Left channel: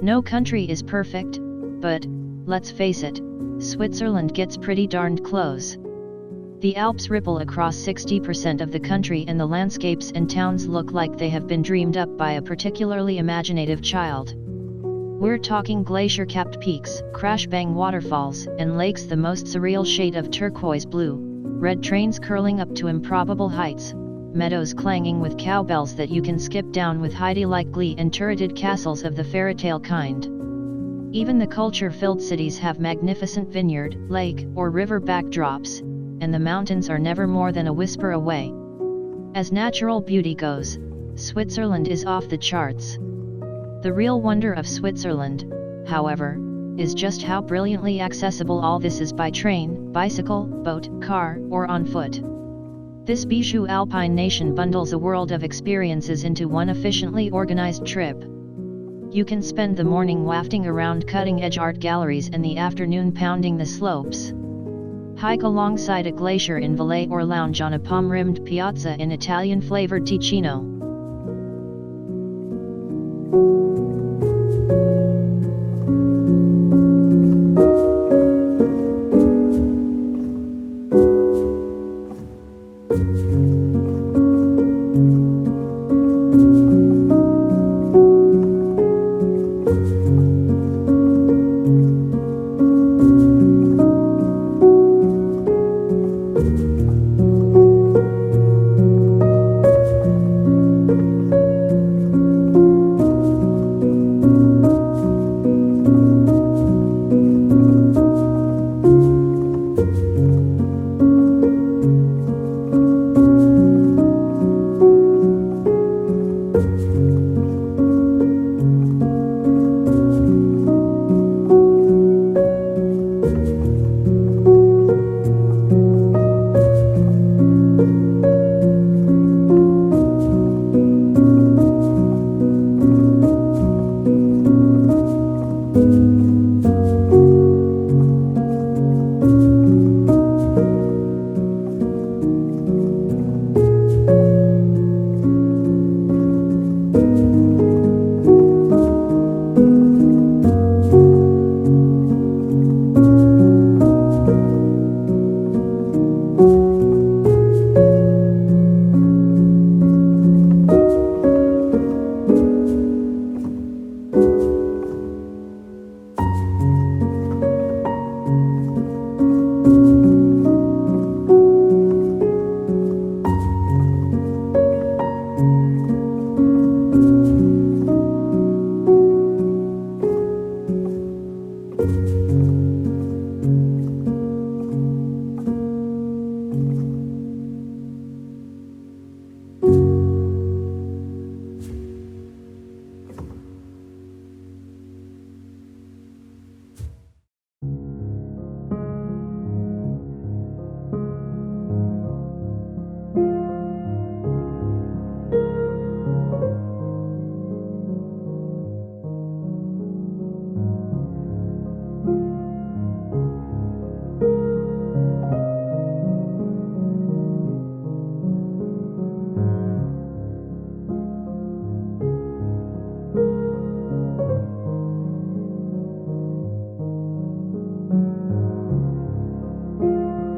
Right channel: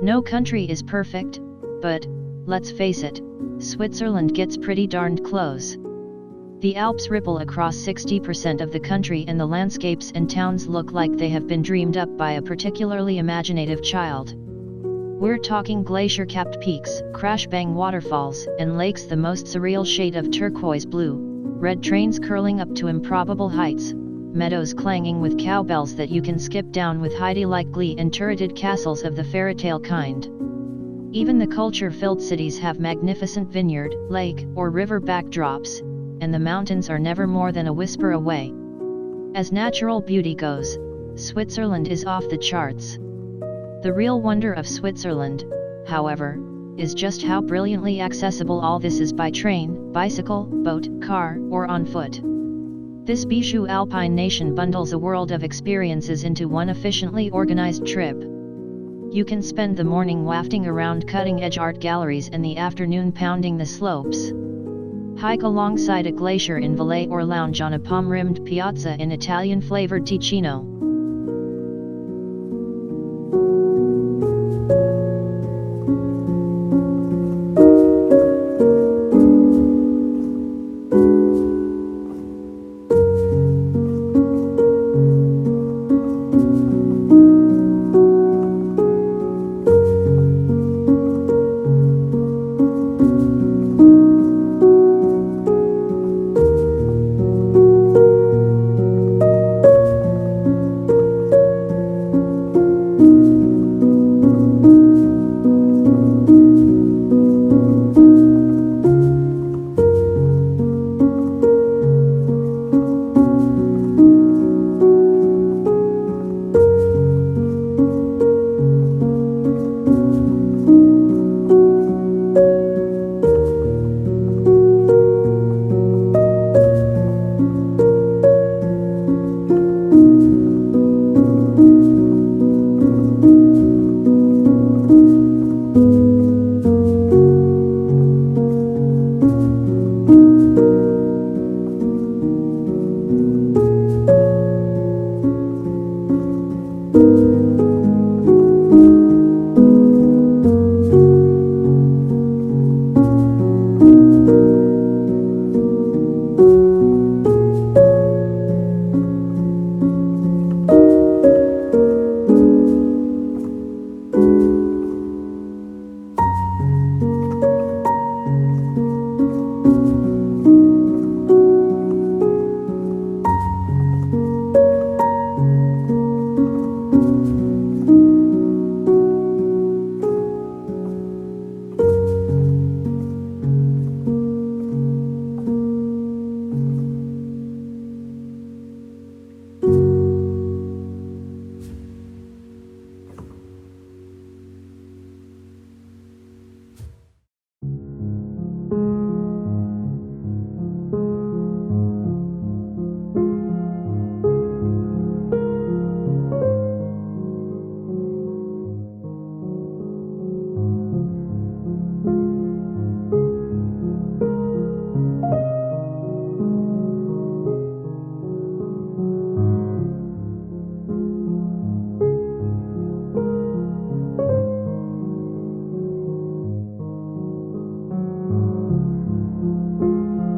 No country is perfect, but, let's face it, Switzerland gets pretty darned close. The Alps ripple across 60% of the country and the landscapes and towns look like they have been dreamed up by a particularly imaginative child. We're talking glacier-capped peaks, crash-bang waterfalls, and lakes the most surreal shade of turquoise blue, red trains curling up to improbable heights, meadows clanging with cowbells that you can skip down with Heidi-like glee, and turreted castles of the fairytale kind. Even the culture-filled cities have magnificent vineyard, lake, or river backdrops, and the mountains are never more than a whisper away. As natural beauty goes, Switzerland is off the charts. The real wonder of Switzerland, however, is just how brilliantly accessible all this is by train, bicycle, boat, car, or on foot. This bijou Alpine nation bundles a world of experiences into one efficiently organized trip. You can spend the morning wafting around cutting-edge art galleries and the afternoon pounding the slopes. Hike alongside a glacier in Valais or lounge on a palm-rimmed piazza in Italian-flavoured Ticino.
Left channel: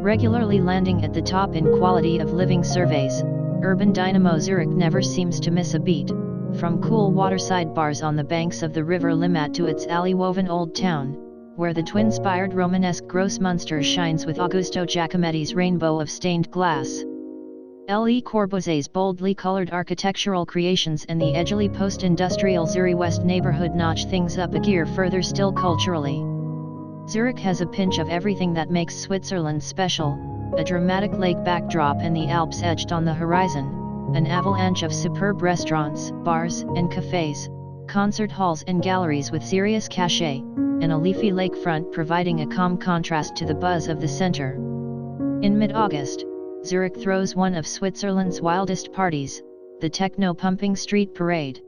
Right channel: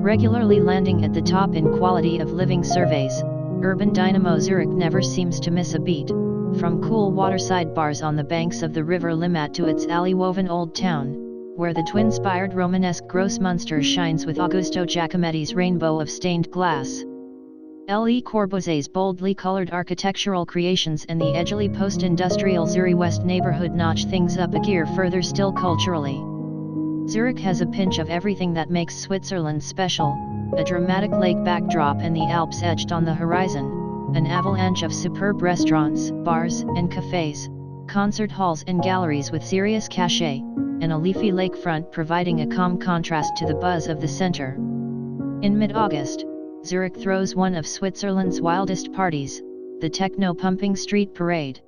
Regularly landing at the top in quality of living surveys, urban dynamo Zurich never seems to miss a beat, from cool waterside bars on the banks of the river Limmat to its alley-woven old town, where the twin-spired Romanesque Grossmünster shines with Augusto Giacometti's rainbow of stained glass. Le Corbusier's boldly colored architectural creations and the edgily post-industrial Zurich West neighborhood notch things up a gear further still culturally. Zurich has a pinch of everything that makes Switzerland special, a dramatic lake backdrop and the Alps etched on the horizon, an avalanche of superb restaurants, bars, and cafes, concert halls and galleries with serious cachet, and a leafy lakefront providing a calm contrast to the buzz of the center. In mid-August, Zurich throws one of Switzerland's wildest parties, the techno-pumping street parade.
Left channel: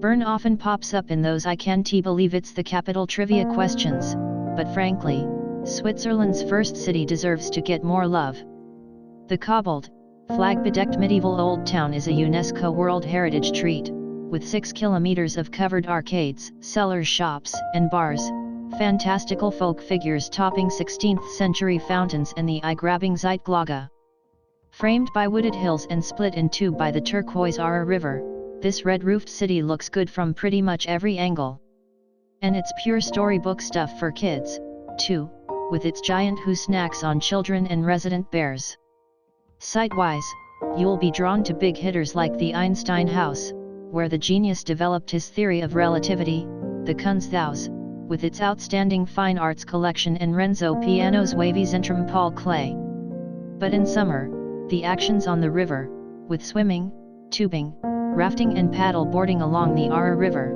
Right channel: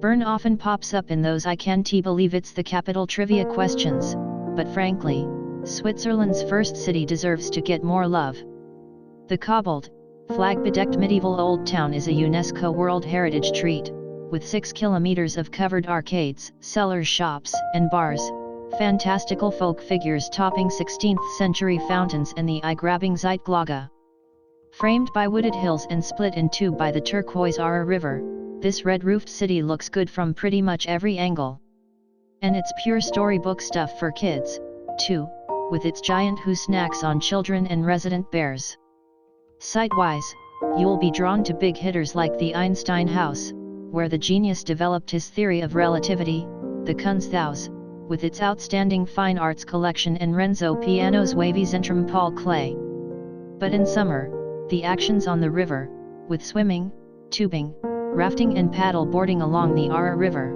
Bern often pops up in those I can't believe it's the capital trivia questions, but frankly, Switzerland's first city deserves to get more love. The cobbled, flag-bedecked medieval old town is a UNESCO World Heritage Treat, with 6 kilometers of covered arcades, cellars, shops, and bars, fantastical folk figures topping 16th-century fountains and the eye-grabbing Zeitglocke. Framed by wooded hills and split in two by the turquoise River, this red-roofed city looks good from pretty much every angle. And it's pure storybook stuff for kids, too, with its giant who snacks on children and resident bears. Site-wise, you'll be drawn to big hitters like the Einstein House, where the genius developed his theory of relativity, the Kunsthaus, with its outstanding fine arts collection, and Renzo Piano's wavy Zentrum Paul Klee. But in summer, the action's on the river, with swimming, tubing, rafting and paddle boarding along the River.